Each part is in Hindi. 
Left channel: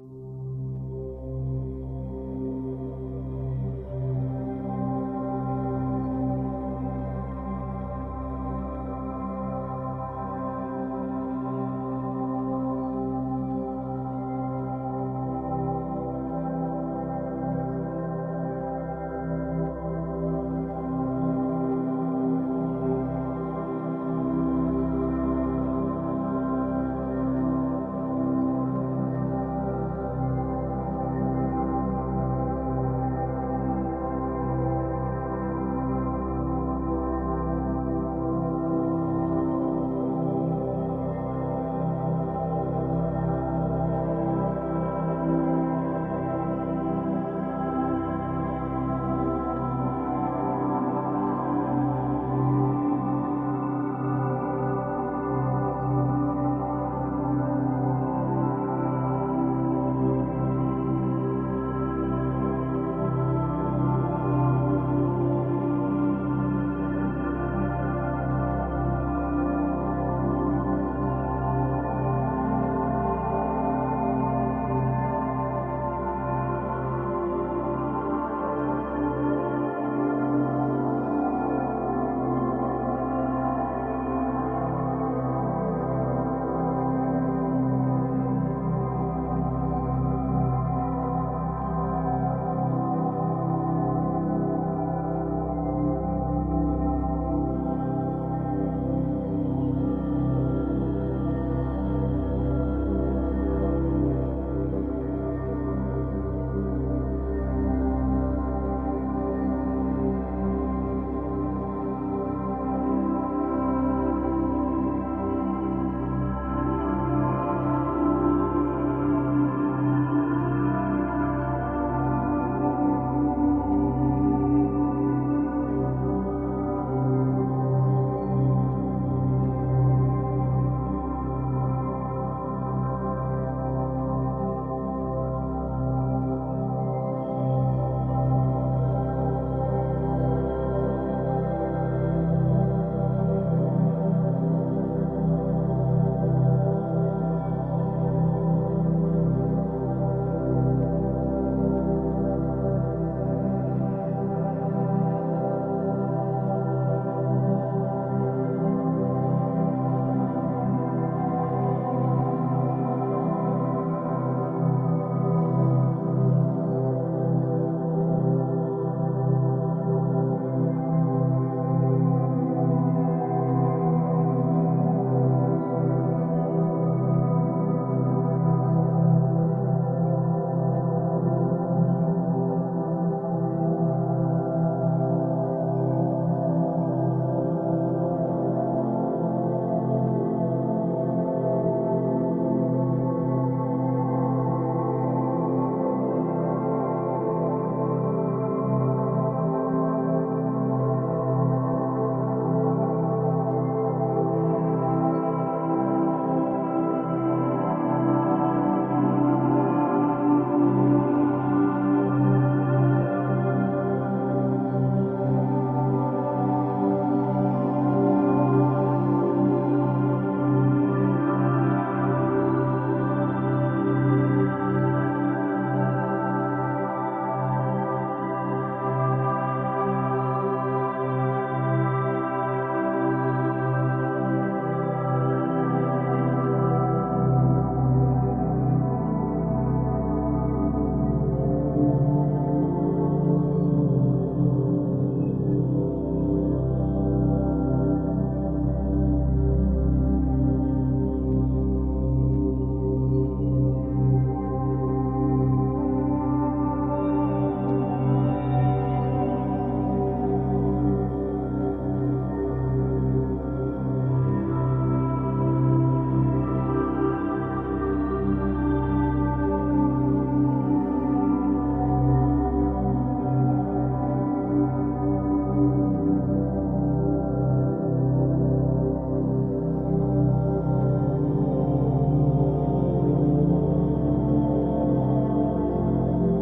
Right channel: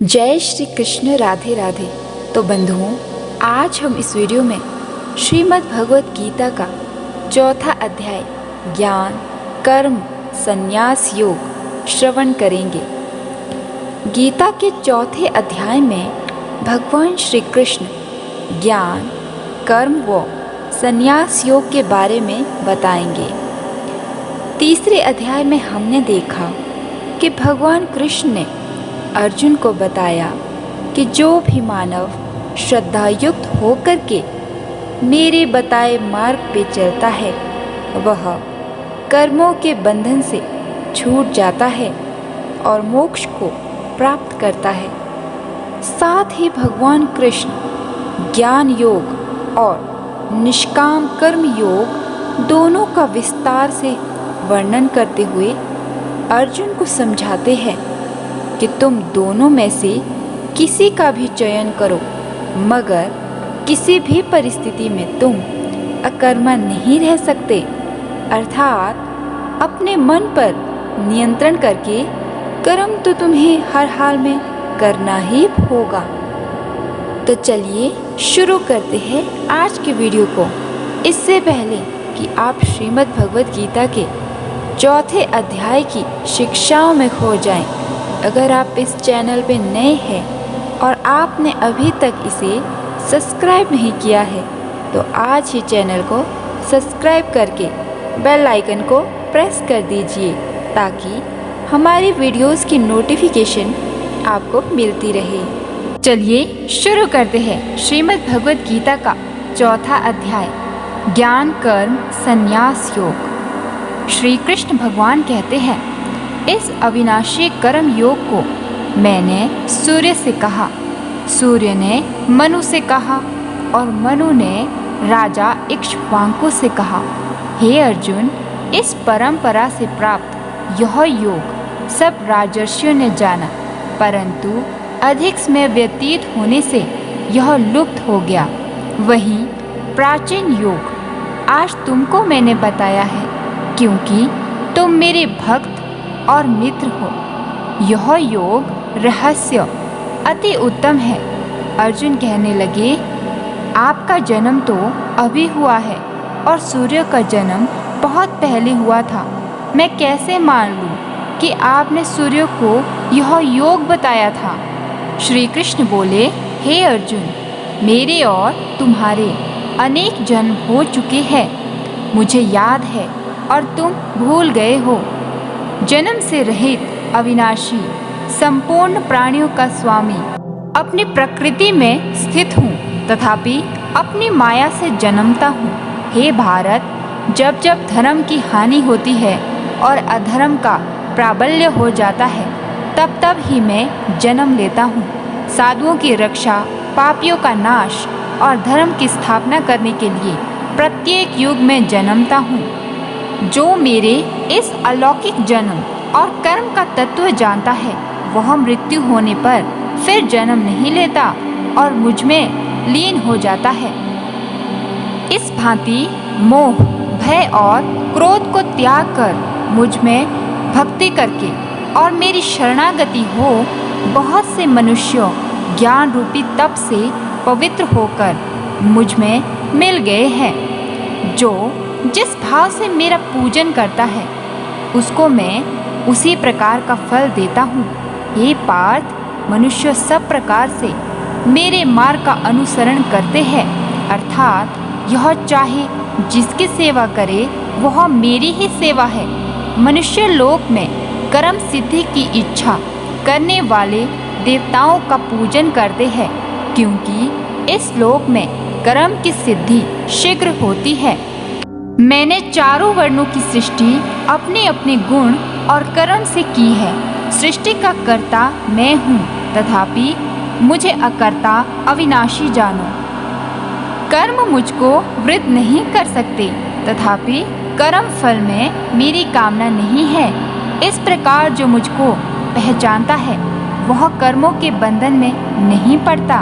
जय श्री कृष्ण। राधे राधे। तो बंधुओं, आज हम इस वीडियो में श्रीमद् भगवत गीता का चौथा अध्याय ज्ञान कर्म संन्यास योग श्रवण करेंगे। गीता के चौथे अध्याय में भगवान श्री कृष्ण ज्ञान कर्म व संन्यास योग के बारे में बताएंगे। तीसरे अध्याय में हमने देखा कि भगवान कृष्ण ने अर्जुन को बताया कि जो भी मानव श्रद्धायुक्त होकर के मेरे बताए मार्ग पे चलता है वह कर्मों के बंधन से छूट जाता है और मोक्ष को प्राप्त करता है। साथ ही भगवान कृष्ण ज्ञान योग और निष्काम कर्म योग दोनों का विस्तार से वर्णन करते हुए अर्जुन को समझाते हैं कि तुम दोनों में से किसी का भी चयन करो, मगर किसी भी परिस्थिति में तुम अकर्मा नहीं रह सकते। अर्थात अपने मन पर नियंत्रण करके कर्म तो तुम्हें हर हाल में करना ही होगा। तो चलिए शुरू करते हैं आज के वीडियो को। इससे पहले कि आप श्रीमद् भगवत गीता के चौथे अध्याय की शिक्षाओं में खो जाएं, अगर आप इस चैनल पे नए हैं और आपने अभी तक इसे सब्सक्राइब नहीं किया है तो आज ही चैनल को सब्सक्राइब करके बेल आइकन को प्रेस कर दीजिए ताकि हमारी वीडियोस की नोटिफिकेशन आपको मिलती रहे। चलिए शुरू करते हैं श्रीमद् भगवत गीता का चौथा अध्याय ज्ञान कर्म संन्यास योग। श्री कृष्ण भगवान कहते हैं, इस अविनाशी कर्म योग को मैंने सूर्य से कहा, सूर्य ने मनु से कहा और मनु ने राजा इक्ष्वाकु से कहा। हे अर्जुन, इस परंपरा से प्राप्त यह योग सब राजर्षियों ने जाना, परंतु अधिक समय व्यतीत होने से यह लुप्त हो गया। वही प्राचीन योग आज तुमको मैंने बताया है, क्योंकि तुम मेरे भक्त और मित्र हो। यह योग रहस्य अति उत्तम है। अर्जुन कहने लगे, आपका जन्म तो अभी हुआ है और सूर्य का जन्म बहुत पहले हुआ था। मैं कैसे मान लूं कि आपने सूर्य को यह योग बताया था। श्री कृष्ण बोले, हे अर्जुन, मेरे और तुम्हारे अनेक जन्म हो चुके हैं, मुझे याद है और तुम भूल गए हो। जन्म से रहित अविनाशी संपूर्ण प्राणियों का स्वामी अपनी प्रकृति में स्थित हूँ, तथापि अपनी माया से जन्मता हूँ। हे भारत, जब जब धर्म की हानि होती है और अधर्म का प्राबल्य हो जाता है तब तब ही मैं जन्म लेता हूँ। साधुओं की रक्षा, पापियों का नाश और धर्म की स्थापना करने के लिए प्रत्येक युग में जन्मता हूँ। जो मेरे इस अलौकिक जन्म और कर्म का तत्व जानता है वह मृत्यु होने पर फिर जन्म नहीं लेता और मुझ में लीन हो जाता है। इस भांति मोह, भय और क्रोध को त्याग कर मुझ में भक्ति करके और मेरी शरणागति हो बहुत से मनुष्यों ज्ञान रूपी तप से पवित्र होकर मुझ में मिल गए हैं। जो जिस भाव से मेरा पूजन करता है उसको मैं उसी प्रकार का फल देता हूँ। हे पार्थ, मनुष्य सब प्रकार से मेरे मार्ग का अनुसरण करते हैं, अर्थात यह चाहे जिसकी सेवा करे वह मेरी ही सेवा है। मनुष्य लोक में कर्म सिद्धि की इच्छा करने वाले देवताओं का पूजन करते हैं, क्योंकि इस लोक में कर्म की सिद्धि शीघ्र होती है। मैंने चारों वर्णों की सृष्टि अपने अपने गुण और कर्म से की है। सृष्टि का कर्ता मैं हूँ, तथापि मुझे अकर्ता अविनाशी जानो। कर्म मुझको वृद्ध नहीं कर सकते, तथापि कर्म फल में मेरी कामना नहीं है। इस प्रकार जो मुझको पहचानता है वह कर्मों के बंधन में नहीं पड़ता।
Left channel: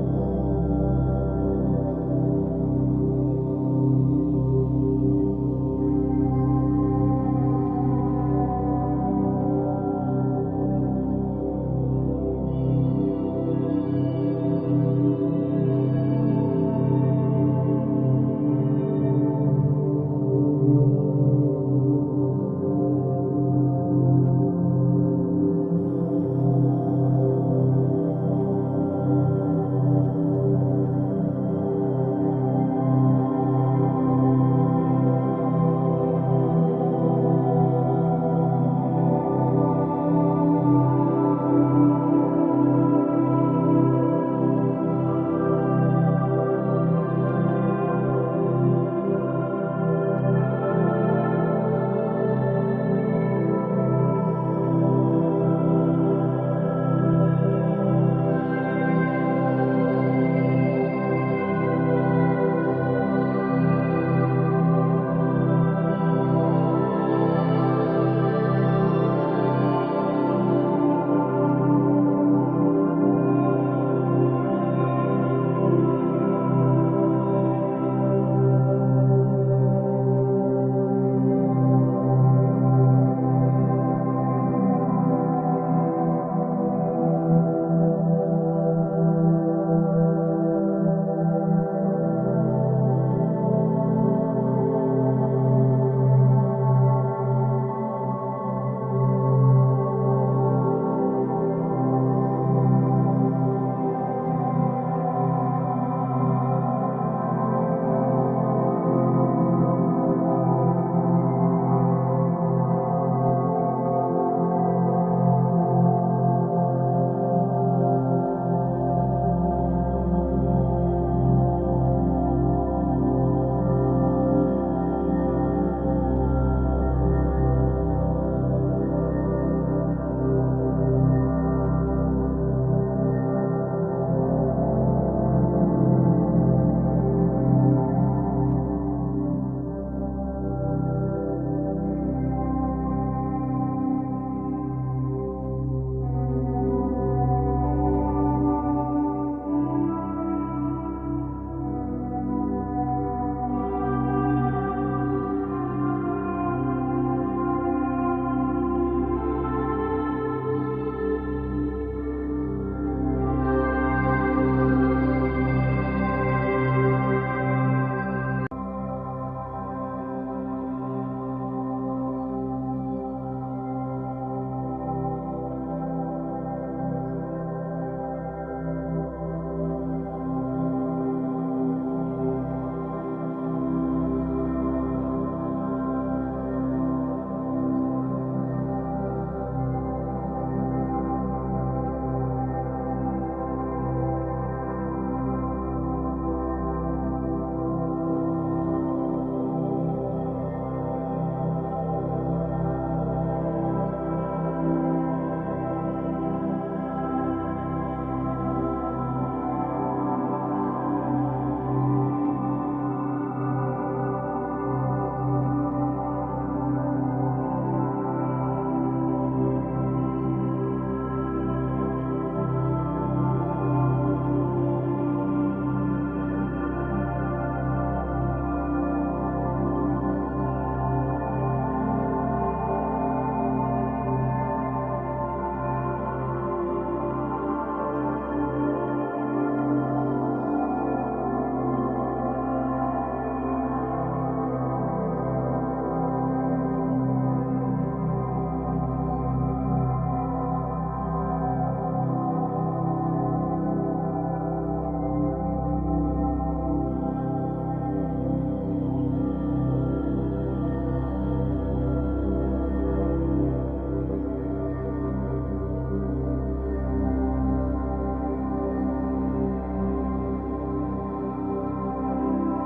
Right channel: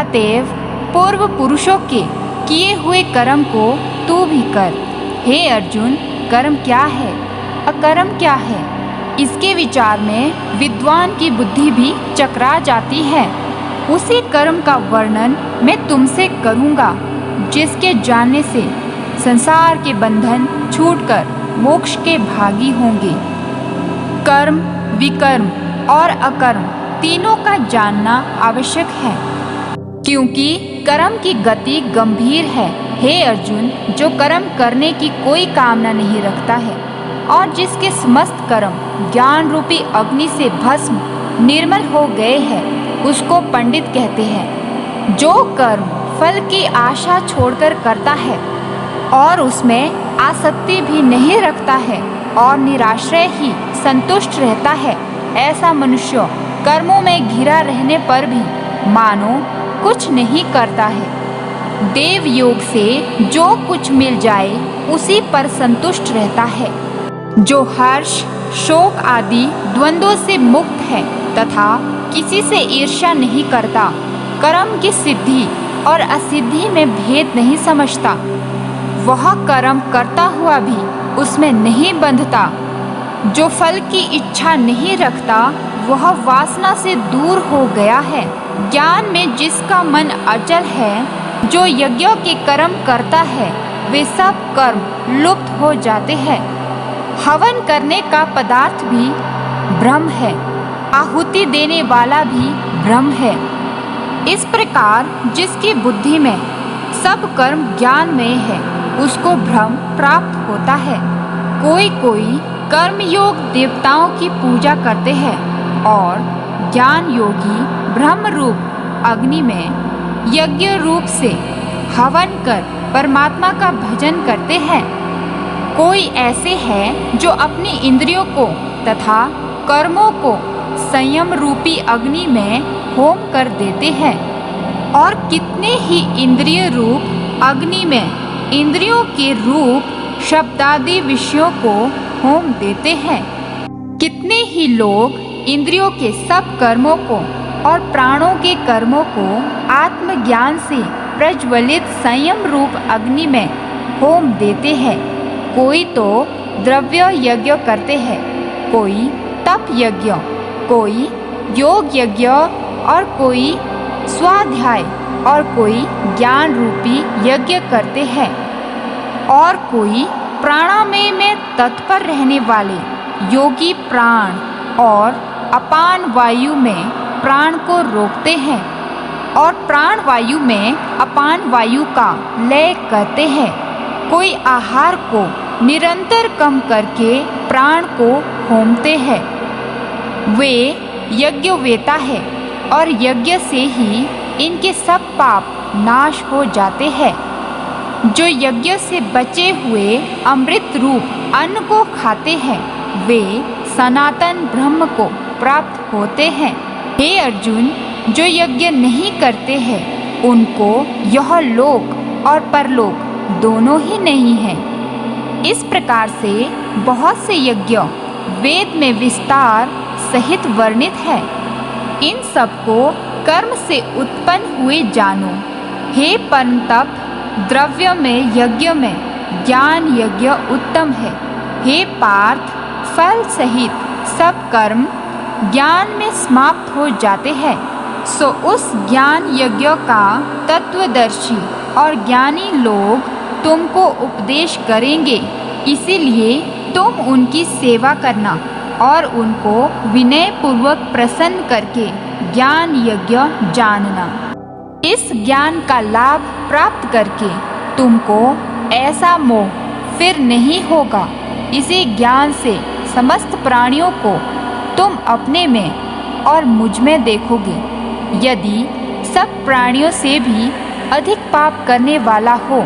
अतएव पूर्व पुरुषों के किए हुए कर्म को तू भी कर। हे अर्जुन, कर्म क्या है, अकर्म क्या है, इसके विचार में विद्वान की बुद्धि भी चकरा जाती है। उसी कर्म का वर्णन मैं तुमसे करूंगा जिसके जानने से संसार के बंधन छूटकर मोक्ष के भागी होंगे। कर्म, विकर्म और अकर्म तीनों का जानना आवश्यक है, क्योंकि कर्म की गति गंभीर है। हे अर्जुन, जो कर्म करने की कोई कामना नहीं रखता है और जिसके समस्त कर्म ज्ञान रूपी अग्नि से भस्म निर्मल हो गए हैं, उसको पंडित कहते हैं। जो कर्म फल की आशा छोड़कर करता है और उसमें आसक्ति भी नहीं रखता है और निराश्रय ही संतुष्ट रहता है, ऐसा मनुष्य कर्मों में घिरा रहने पर भी मानो कुछ नहीं करता है। देव योग से जो कुछ मिल जाए उसी पर संतुष्ट रहता है। जो हर्ष, शोक आदि द्वंद्वों से मुक्त है तथा किसी से ईर्ष्या नहीं करता, कर्म की सिद्धि और असिद्धि में भेद नहीं समझता, वह कर्म करता हुआ भी उसमें नहीं बंधता। जो फल की इच्छा नहीं रखता, वह वासना से दूर हो गया है। ज्ञान में जिसका मन अचल है, जो यज्ञों के कर्म करता है, वे सब कर्म लुप्त हो जाते हैं। हवन करने का पदार्थ भी ब्रह्म है, आहुति देने वाला भी ब्रह्म है। इस प्रकार जिसकी बुद्धि में सब कर्म ज्ञान में है, उसको ब्रह्म प्राप्त होता है। कोई कोई कर्म योग देवताओं की पूजा करते हैं और ज्ञान योगी ब्रह्म रूप अग्नि में यज्ञ रूप से हवन कर परमात्मा का भजन करते हैं। कोई ऐसे हैं जो अपनी इंद्रियों को तथा कर्मों को संयम रूपी अग्नि में होम कर देते हैं, और कितने ही इंद्रिय रूप अग्नि में इंद्रियों के रूप शब्दादि विषयों को होम देते हैं। कितने ही लोग इंद्रियों के सब कर्मों को और प्राणों के कर्मों को आत्मज्ञान से प्रज्वलित संयम रूप अग्नि में होम देते हैं। कोई तो द्रव्य यज्ञ करते हैं, कोई तप यज्ञ, कोई योग यज्ञ और कोई स्वाध्याय और कोई ज्ञान रूपी यज्ञ करते हैं, और कोई प्राणामय में तत्पर रहने वाले योगी प्राण और अपान वायु में प्राण को रोकते हैं और प्राण वायु में अपान वायु का लय करते हैं। कोई आहार को निरंतर कम करके प्राण को होमते हैं। वे यज्ञ वेता है और यज्ञ से ही इनके सब पाप नाश हो जाते हैं। जो यज्ञ से बचे हुए अमृत रूप अन्न को खाते हैं, वे सनातन ब्रह्म को प्राप्त होते हैं। हे अर्जुन, जो यज्ञ नहीं करते हैं, उनको यह लोक और परलोक दोनों ही नहीं है। इस प्रकार से बहुत से यज्ञ वेद में विस्तार सहित वर्णित है। इन सबको कर्म से उत्पन्न हुए जानो। हे परंतप, द्रव्य में यज्ञ में ज्ञान यज्ञ उत्तम है। हे पार्थ, फल सहित सब कर्म ज्ञान में समाप्त हो जाते हैं। सो उस ज्ञान यज्ञ का तत्वदर्शी और ज्ञानी लोग तुमको उपदेश करेंगे, इसीलिए तुम उनकी सेवा करना और उनको विनय पूर्वक प्रसन्न करके ज्ञान यज्ञ जानना। इस ज्ञान का लाभ प्राप्त करके तुमको ऐसा मोह फिर नहीं होगा। इसी ज्ञान से समस्त प्राणियों को तुम अपने में और मुझ में देखोगे। यदि सब प्राणियों से भी अधिक पाप करने वाला हो,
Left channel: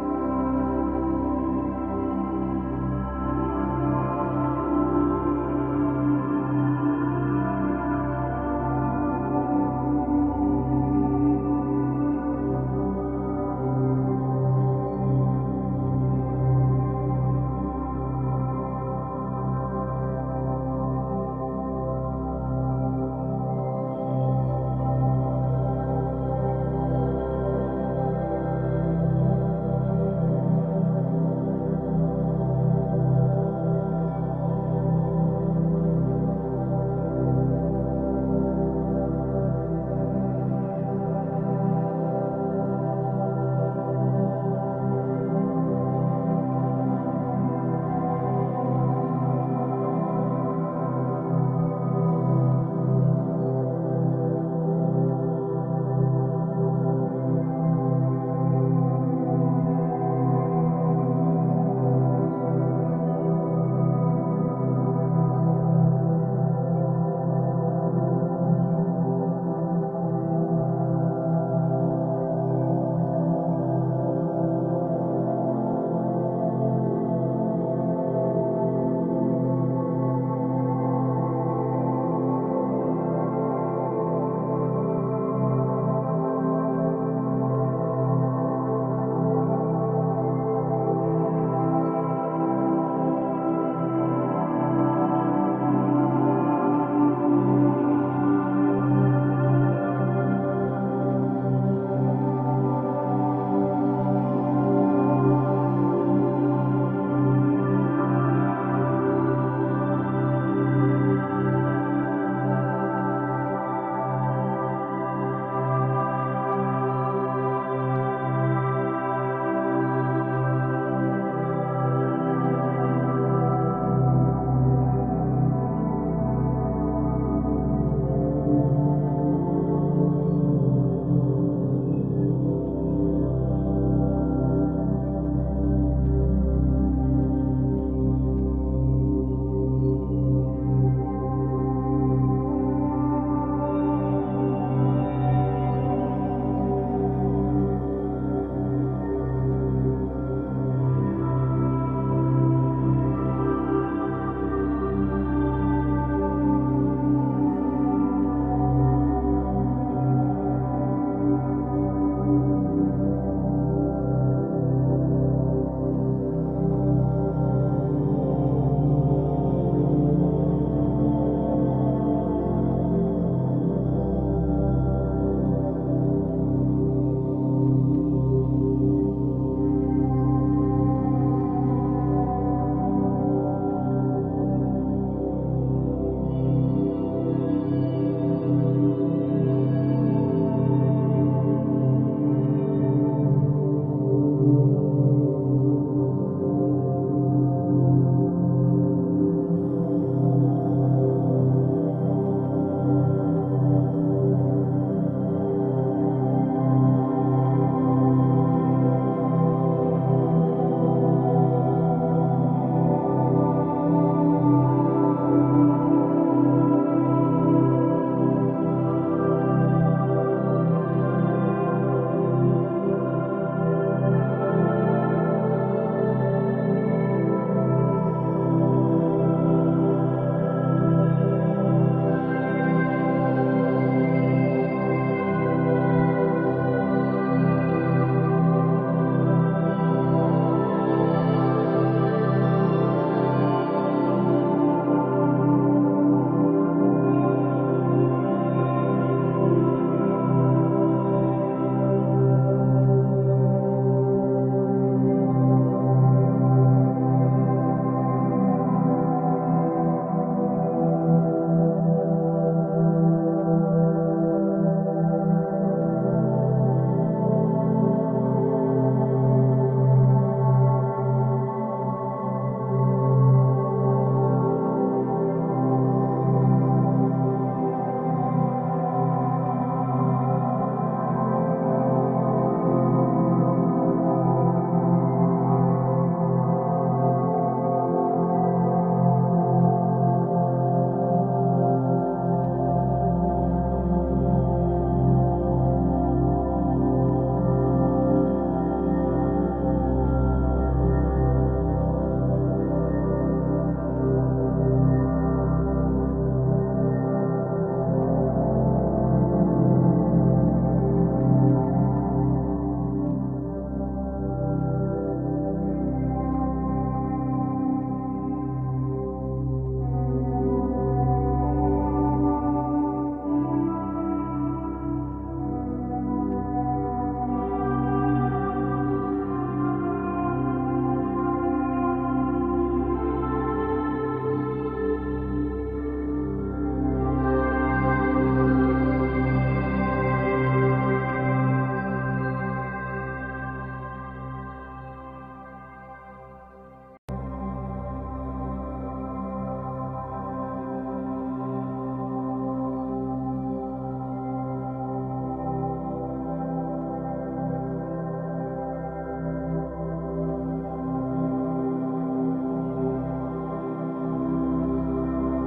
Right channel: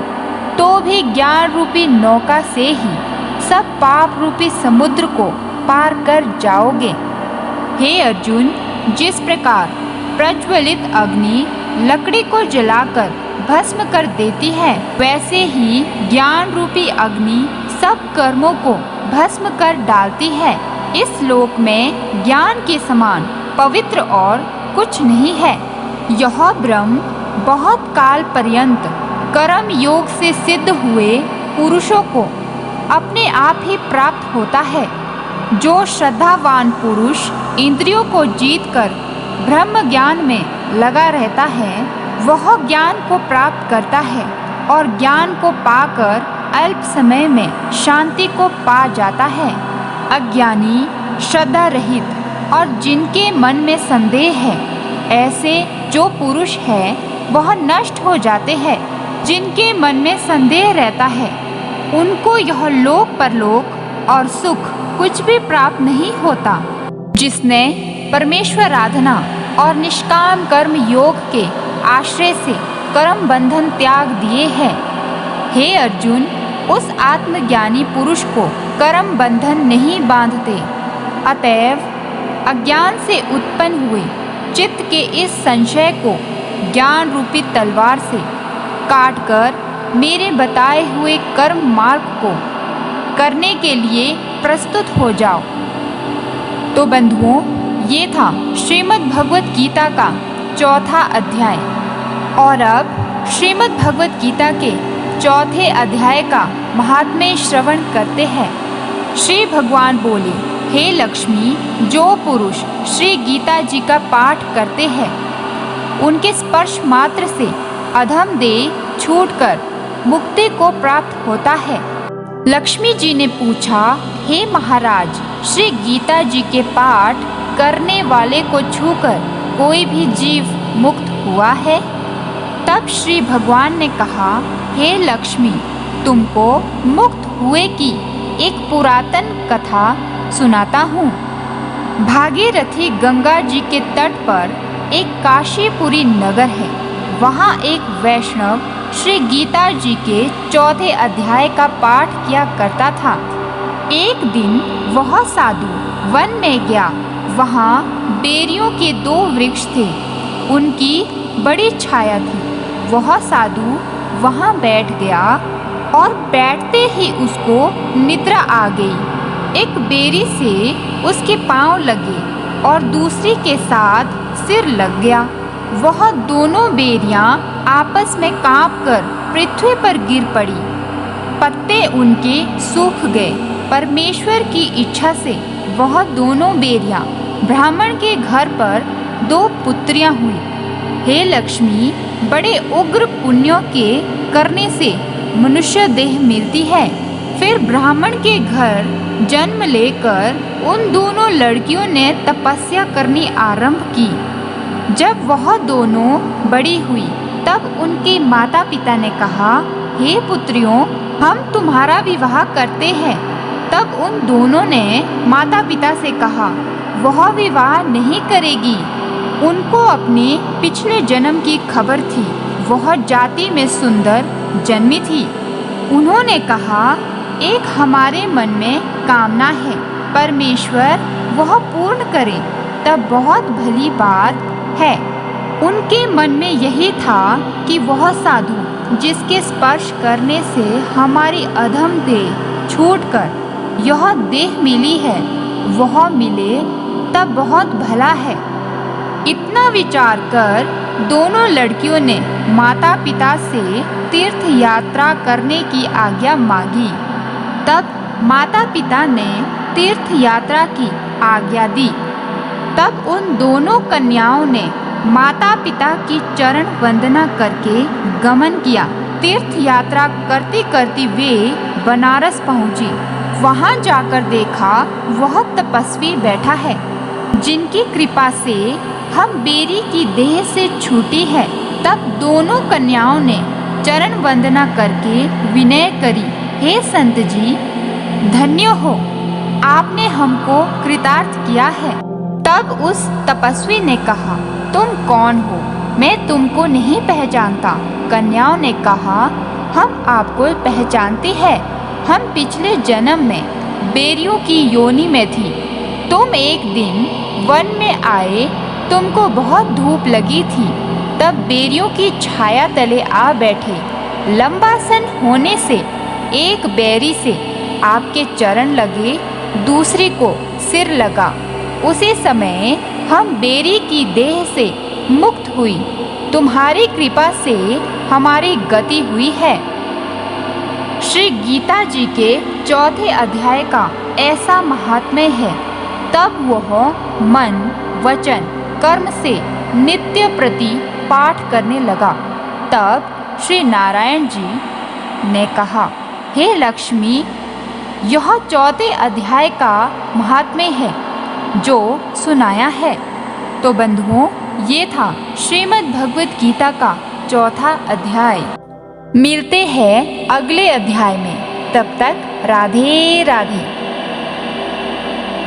तो भी ज्ञान रूपी नौका से ही सब पाप रूपी समुद्र को पार कर जाओगे। हे अर्जुन, जिस प्रकार प्रज्वलित अग्नि लकड़ी को जलाकर भस्म कर देती है, वैसे ही ज्ञान रूपी अग्नि सब कर्मों को भस्म कर डालती है। इस लोक में ज्ञान के समान पवित्र और कुछ नहीं है। यह ब्रह्म बहुत काल पर्यंत कर्म योग से सिद्ध हुए पुरुषों को अपने आप ही प्राप्त होता है। जो श्रद्धावान पुरुष इंद्रियों को जीतकर ब्रह्म ज्ञान में लगा रहता है, वह ज्ञान को प्राप्त करता है और ज्ञान को पाकर अल्प समय में शांति को पा जाता है। अज्ञानी, श्रद्धा रहित और जिनके मन में संदेह है, ऐसे जो पुरुष है वह नष्ट हो जाते हैं। जिनके मन में संदेह रहता है, उनको यह लोक परलोक और सुख कुछ भी प्राप्त नहीं होता। जिसने परमेश्वर आराधना और निष्काम कर्म योग के आश्रय से कर्म बंधन त्याग दिए हैं, हे अर्जुन, उस आत्मज्ञानी पुरुष को कर्म बंधन नहीं बांधते। अतएव अज्ञान से उत्पन्न हुए चित्त के इस संशय को ज्ञान रूपी तलवार से काटकर मेरे बताए हुए कर्म मार्ग को करने के लिए प्रस्तुत हो जाओ। तो बंधुओं, ये था श्रीमद् भगवत गीता का चौथा अध्याय। और अब श्रीमद् भगवत गीता के चौथे अध्याय का महात्म्य श्रवण करते हैं। श्री भगवान बोले, हे लक्ष्मी, जो पुरुष श्री गीता जी का पाठ करते हैं, उनके स्पर्श मात्र से अधम देह छूटकर मुक्ति को प्राप्त होता है। लक्ष्मी जी ने पूछा, हे महाराज, श्री गीता जी के पाठ करने वाले को छूकर कोई भी जीव मुक्त हुआ है? तब श्री भगवान ने कहा, हे लक्ष्मी, तुमको मुक्त हुए की एक पुरातन कथा सुनाता हूँ। भागीरथी गंगा जी के तट पर एक काशीपुरी नगर है। वहाँ एक वैष्णव श्री गीता जी के चौथे अध्याय का पाठ किया करता था। एक दिन वह साधु वन में गया। वहाँ बेरियों के 2 वृक्ष थे, उनकी बड़ी छाया थी। वह साधु वहाँ बैठ गया और बैठते ही उसको निद्रा आ गई। एक बेरी से उसके पांव लगे और दूसरी के साथ सिर लग गया। वह दोनों बेरियां आपस में कांपकर पृथ्वी पर गिर पड़ी। पत्ते उनके सूख गए। परमेश्वर की इच्छा से वह दोनों बेरियां ब्राह्मण के घर पर 2 पुत्रियां हुई। हे लक्ष्मी, बड़े उग्र पुण्यों के करने से मनुष्य देह मिलती है। फिर ब्राह्मण के घर जन्म लेकर उन दोनों लड़कियों ने तपस्या करनी आरंभ की। जब वह दोनों बड़ी हुई, तब उनके माता पिता ने कहा, हे पुत्रियों, हम तुम्हारा विवाह करते हैं। तब उन दोनों ने माता पिता से कहा, वह विवाह नहीं करेगी। उनको अपने पिछले जन्म की खबर थी। वह जाति में सुंदर जन्मी थी। उन्होंने कहा, एक हमारे मन में कामना है, परमेश्वर वह पूर्ण करे तब बहुत भली बात है। उनके मन में यही था कि वह साधु जिसके स्पर्श करने से हमारी अधम देह छूटकर यह देह मिली है, वह मिले तब बहुत भला है। इतना विचार कर दोनों लड़कियों ने माता पिता से तीर्थ यात्रा करने की आज्ञा मांगी। तब माता पिता ने तीर्थ यात्रा की आज्ञा दी। तब उन दोनों कन्याओं ने माता पिता की चरण वंदना करके गमन किया। तीर्थ यात्रा करती करती वे बनारस पहुंची। वहां जाकर देखा वह तपस्वी बैठा है, जिनकी कृपा से हम बेरी की देह से छूटी है। तब दोनों कन्याओं ने चरण वंदना करके विनय करी, हे संत जी, धन्य हो, आपने हमको कृतार्थ किया है। तब उस तपस्वी ने कहा, तुम कौन हो? मैं तुमको नहीं पहचानता। कन्याओं ने कहा, हम आपको पहचानते हैं। हम पिछले जन्म में बेरियों की योनि में थी। तुम एक दिन वन में आए, तुमको बहुत धूप लगी थी, तब बेरियों की छाया तले आ बैठे। लंबा सन होने से एक बेरी से आपके चरण लगे, दूसरी को सिर लगा। उसी समय हम बेरी की देह से मुक्त हुई। तुम्हारी कृपा से हमारी गति हुई है। श्री गीता जी के चौथे अध्याय का ऐसा महात्म्य है, तब वह मन वचन कर्म से नित्य प्रति पाठ करने लगा। तब श्री नारायण जी ने कहा, हे लक्ष्मी, यह चौथे अध्याय का महात्म्य है जो सुनाया है। तो बंधुओं, ये था श्रीमद् भगवत गीता का चौथा अध्याय। मिलते हैं अगले अध्याय में। तब तक राधे राधे।